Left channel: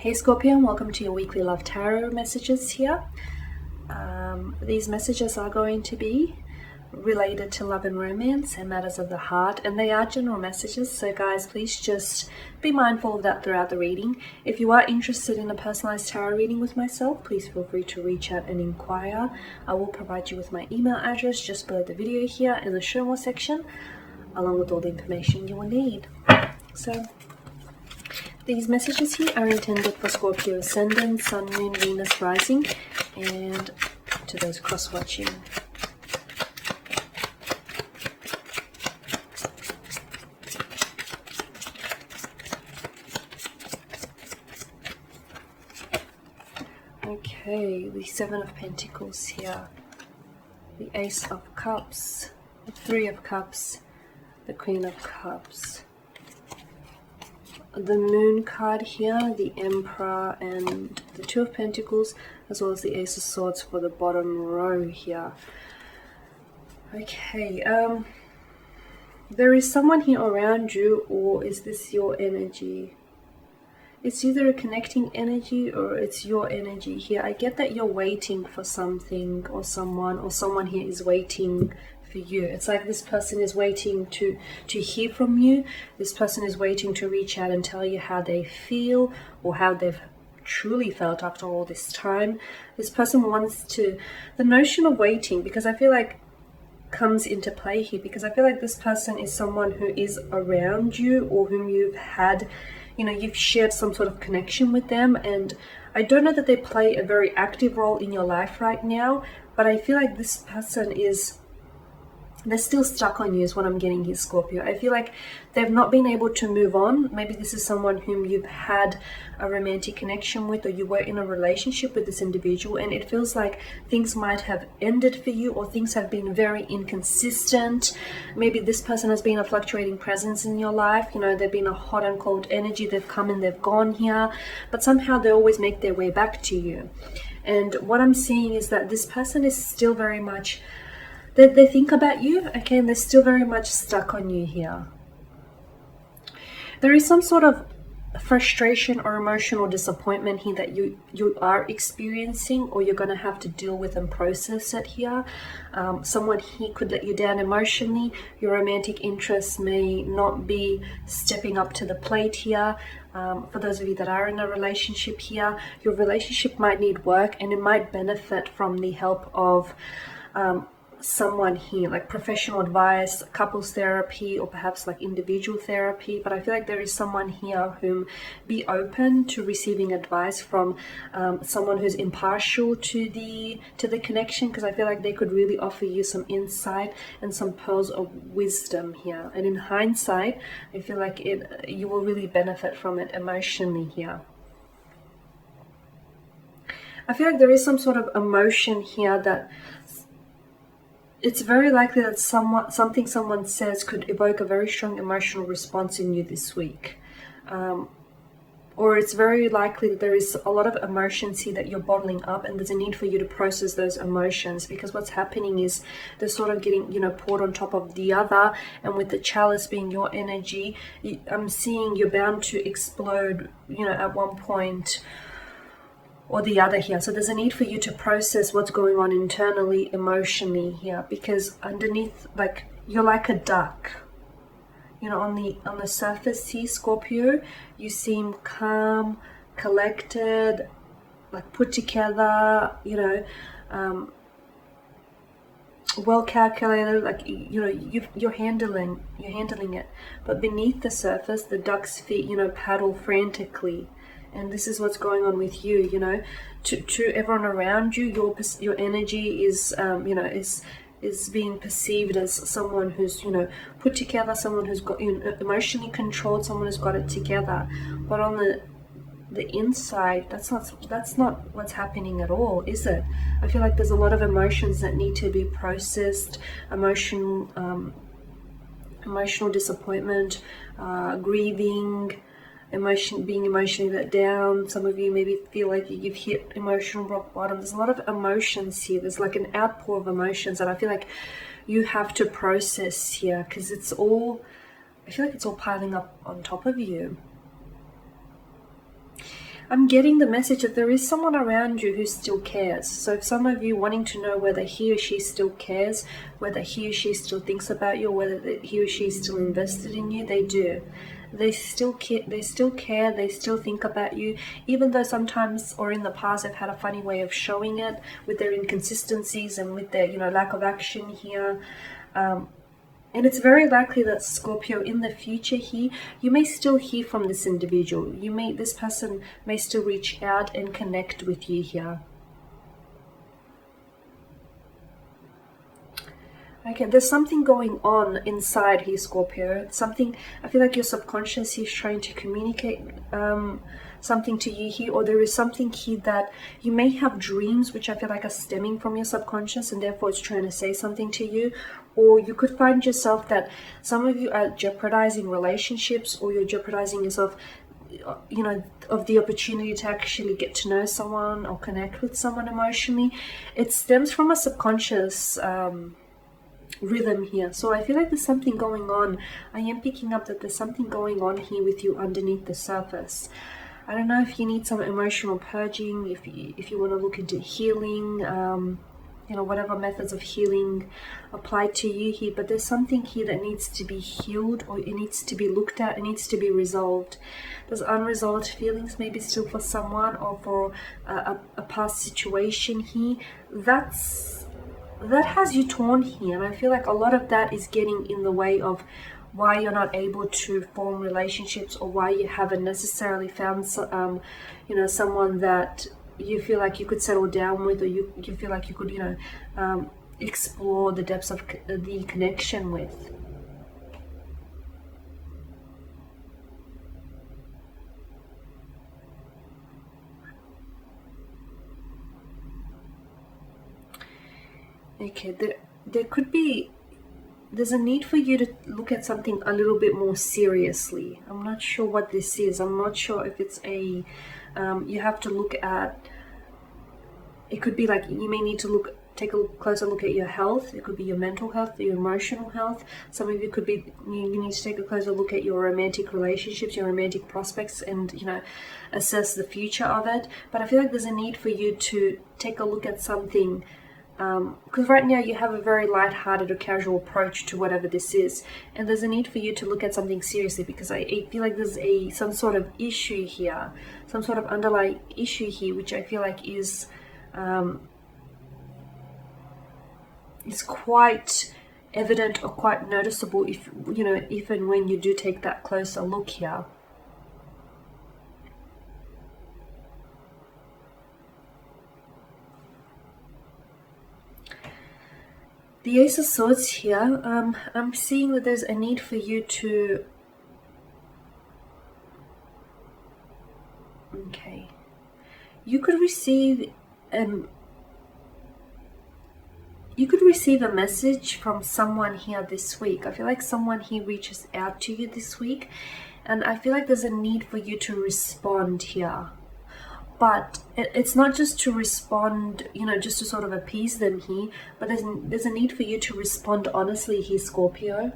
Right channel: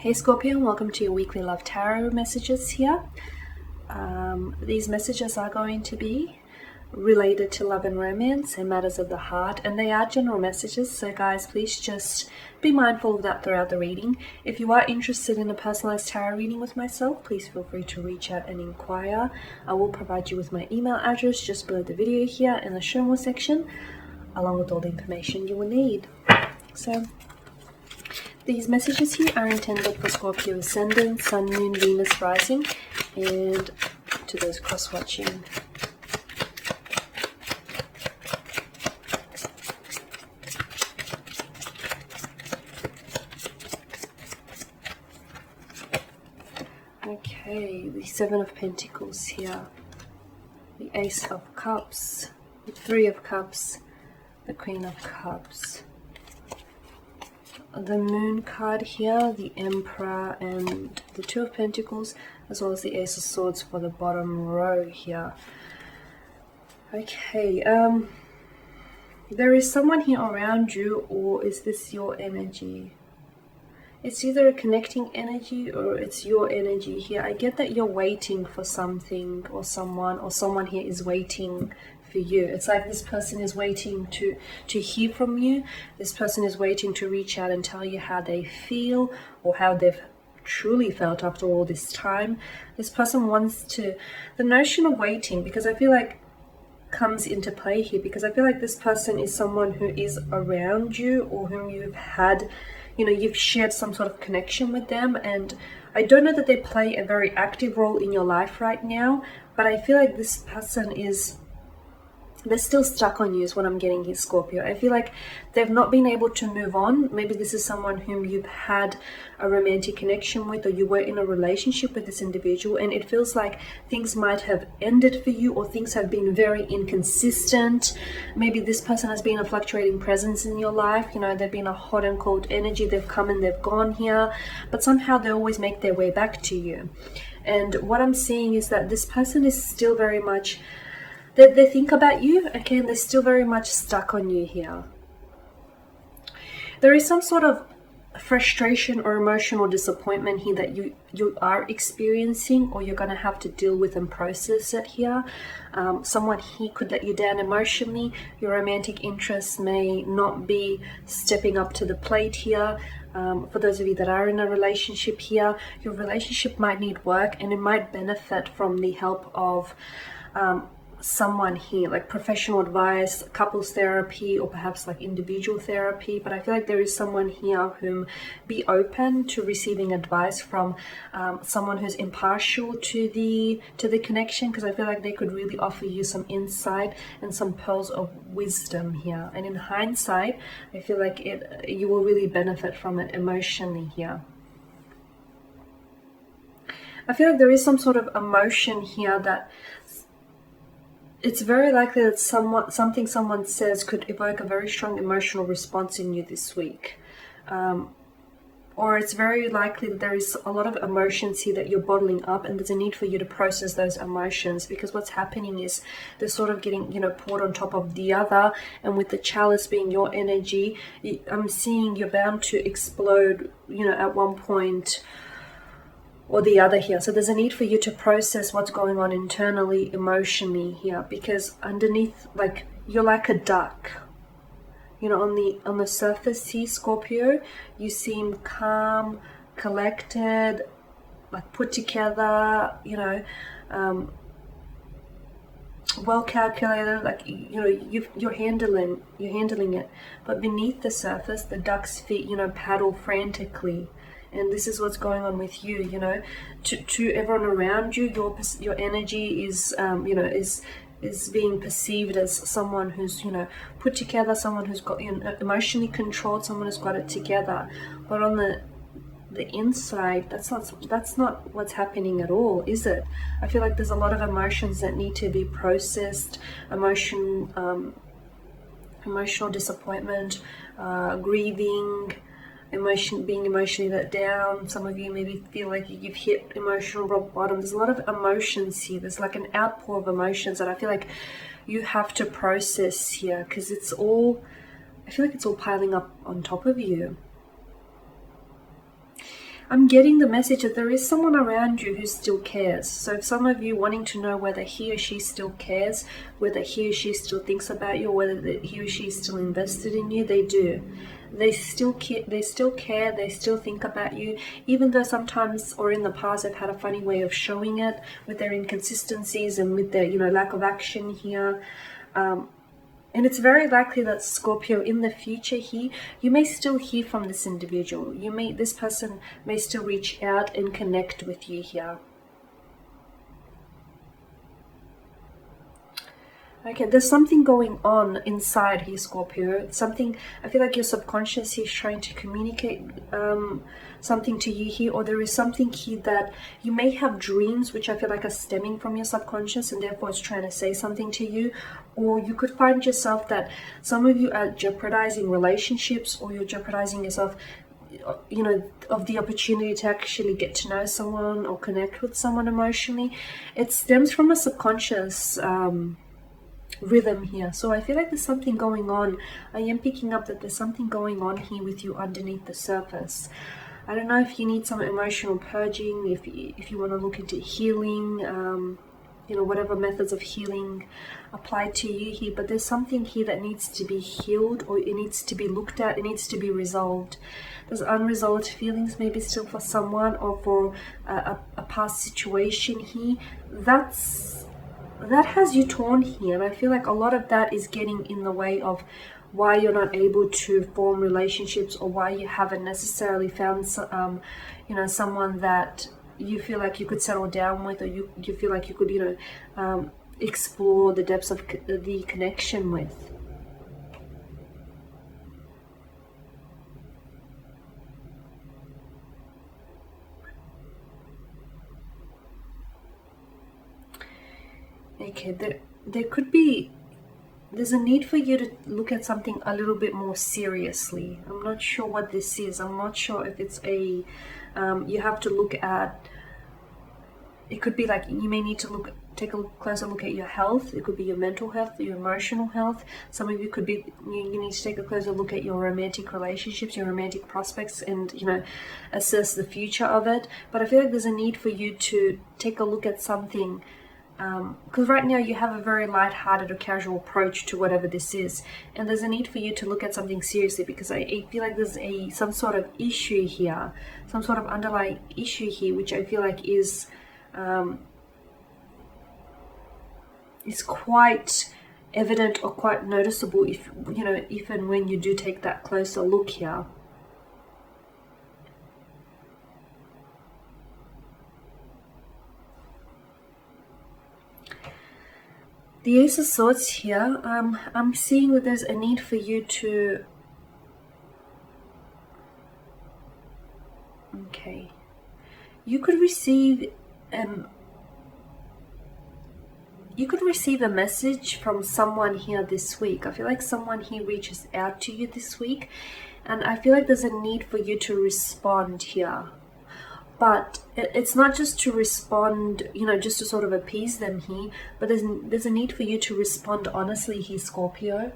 Hey Scorpio, and welcome to your weekly love tarot messages here. These messages are going to be related to love and romance and matters of the heart, and they are general messages, so guys, please just be mindful of that throughout the reading. If you are interested in a personalized tarot reading with myself, please feel free to reach out and inquire. I will provide you with my email address just below the video here in the show more section, along with all the information you will need. So these messages here are intended for Scorpio Ascendant, Sun, Moon, Venus, Rising, and to those cross-watching. Okay, the Seven of Pentacles here, the Ace of Cups, the Three of Cups, the Queen of Cups. The Moon card here, the Emperor, and the Two of Pentacles, as well as the Ace of Swords for the bottom row here. Okay, there is someone here around you, or is this your energy? It's either a connecting energy or it's your energy here. I get that you're waiting for something or someone here is waiting for you. It's like this person is waiting to hear from you. This person is waiting to reach out and tell you how they feel or how they've truly felt after all this time. This person wants to, the notion of waiting, because I feel like comes into play here, because I feel like this person is someone who is around you or whom you've had, you've shared some sort of connection with them, and I don't know that they play a very active role in your life right now, but I feel like this person they're still stuck on you is what I'm getting here, Scorpio. I feel like they've not been able to move on. Maybe this is someone whom you've had a romantic connection with, or you were in a relationship with this individual, and it feels like things might have ended for you, or things have been very inconsistent. Maybe this person has been a fluctuating presence in your life. They've been a hot and cold energy. They've come and they've gone here, but somehow they always make their way back to you. And what I'm seeing is that this person is still very much, they think about you, okay, and they're still very much stuck on you here. There is some sort of frustration or emotional disappointment here that you are experiencing, or you're going to have to deal with and process it here. Someone here could let you down emotionally. Your romantic interest may not be stepping up to the plate here. For those of you that are in a relationship here, your relationship might need work, and it might benefit from the help of someone here, like professional advice, couples therapy, or perhaps like individual therapy. But I feel like there is someone here whom be open to receiving advice from someone who's impartial to the connection, because I feel like they could really offer you some insight and some pearls of wisdom here, and in hindsight I feel like you will really benefit from it emotionally here. I feel like there is some sort of emotion here that it's very likely that something someone says could evoke a very strong emotional response in you this week. Or it's very likely that there is a lot of emotions here that you're bottling up, and there's a need for you to process those emotions, because what's happening is they're sort of getting, poured on top of the other, and with the chalice being your energy, I'm seeing you're bound to explode, at one point or the other here. So there's a need for you to process what's going on internally, emotionally here, because underneath, like, you're like a duck. On the surface here, Scorpio, you seem calm, collected, like put together, well calculated, like you're handling it. But beneath the surface, the duck's feet, paddle frantically. And this is what's going on with you, to everyone around you. Your energy is, is being perceived as someone who's, put together, someone who's got, emotionally controlled, someone who's got it together. But on the inside, that's not what's happening at all, is it? I feel like there's a lot of emotions that need to be processed. Emotional disappointment, grieving, being emotionally let down. Some of you maybe feel like you've hit emotional rock bottom. There's a lot of emotions here. There's like an outpour of emotions that I feel like you have to process here, because I feel like it's all piling up on top of you. I'm getting the message that there is someone around you who still cares. So if some of you wanting to know whether he or she still cares, whether he or she still thinks about you, whether he or she is still invested in you, they do. They still care, they still think about you, even though sometimes or in the past they've had a funny way of showing it with their inconsistencies and with their, lack of action here. And it's very likely that Scorpio, in the future here, you may still hear from this individual. This person may still reach out and connect with you here. Okay, there's something going on inside here, Scorpio. It's something, I feel like your subconscious is trying to communicate something to you here, or there is something here that you may have dreams which I feel like are stemming from your subconscious, and therefore it's trying to say something to you. Or you could find yourself that some of you are jeopardizing relationships, or you're jeopardizing yourself, of the opportunity to actually get to know someone or connect with someone emotionally. It stems from a subconscious rhythm here. So I feel like there's something going on. I am picking up that there's something going on here with you underneath the surface. I don't know if you need some emotional purging, if you want to look into healing, whatever methods of healing apply to you here, but there's something here that needs to be healed, or it needs to be looked at, it needs to be resolved. There's unresolved feelings maybe still for someone, or for a past situation here. That has you torn here, and I feel like a lot of that is getting in the way of why you're not able to form relationships, or why you haven't necessarily found someone that you feel like you could settle down with, or you feel like you could explore the depths of the connection with. Okay, there's a need for you to look at something a little bit more seriously. I'm not sure what this is. I'm not sure if it's you have to look at, it could be like you may need to take a closer look at your health. It could be your mental health, your emotional health. Some of you could be, you need to take a closer look at your romantic relationships, your romantic prospects, and assess the future of it. But I feel like there's a need for you to take a look at something, because right now you have a very light-hearted or casual approach to whatever this is, and there's a need for you to look at something seriously, because I feel like there's some sort of issue here, some sort of underlying issue here, which I feel like is quite evident or quite noticeable if and when you do take that closer look here. The Ace of Swords here, I'm seeing that there's a need for you to... Okay. You could receive a message from someone here this week. I feel like someone here reaches out to you this week, and I feel like there's a need for you to respond here. But it's not just to respond, just to sort of appease them here, but there's a need for you to respond honestly here, Scorpio.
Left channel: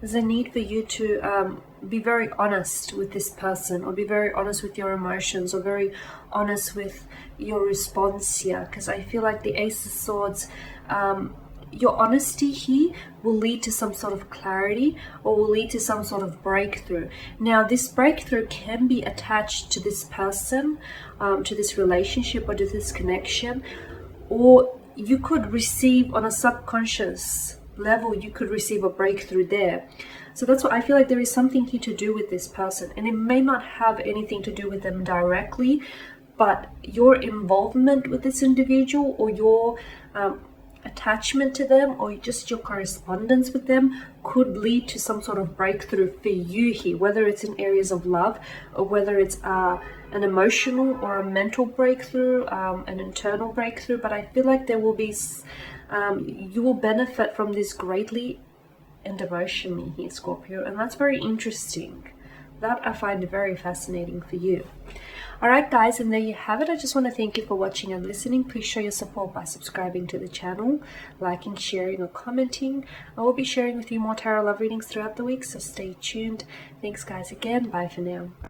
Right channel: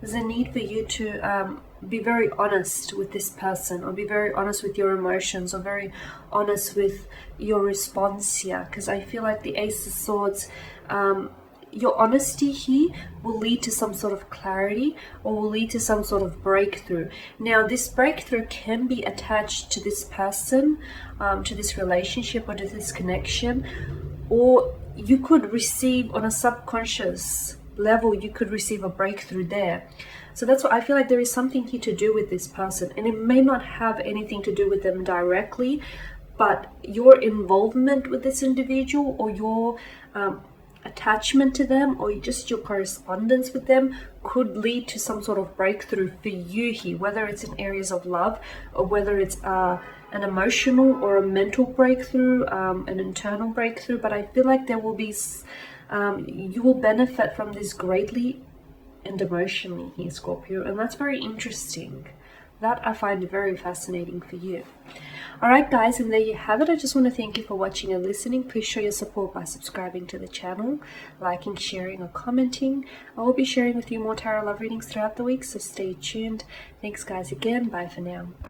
There's a need for you to be very honest with this person, or be very honest with your emotions, or very honest with your response here, because I feel like the Ace of Swords, your honesty here will lead to some sort of clarity, or will lead to some sort of breakthrough. Now, this breakthrough can be attached to this person, to this relationship, or to this connection, or you could receive on a subconscious level, you could receive a breakthrough there. So that's what I feel like there is something here to do with this person, and it may not have anything to do with them directly, but your involvement with this individual, or your attachment to them, or just your correspondence with them, could lead to some sort of breakthrough for you here, whether it's in areas of love, or whether it's an emotional or a mental breakthrough, an internal breakthrough. But I feel like there will be you will benefit from this greatly and emotionally here, Scorpio, and that's very interesting. That I find very fascinating for you. Alright guys, and there you have it. I just want to thank you for watching and listening. Please show your support by subscribing to the channel, liking, sharing or commenting. I will be sharing with you more tarot love readings throughout the week, so stay tuned. Thanks guys again. Bye for now.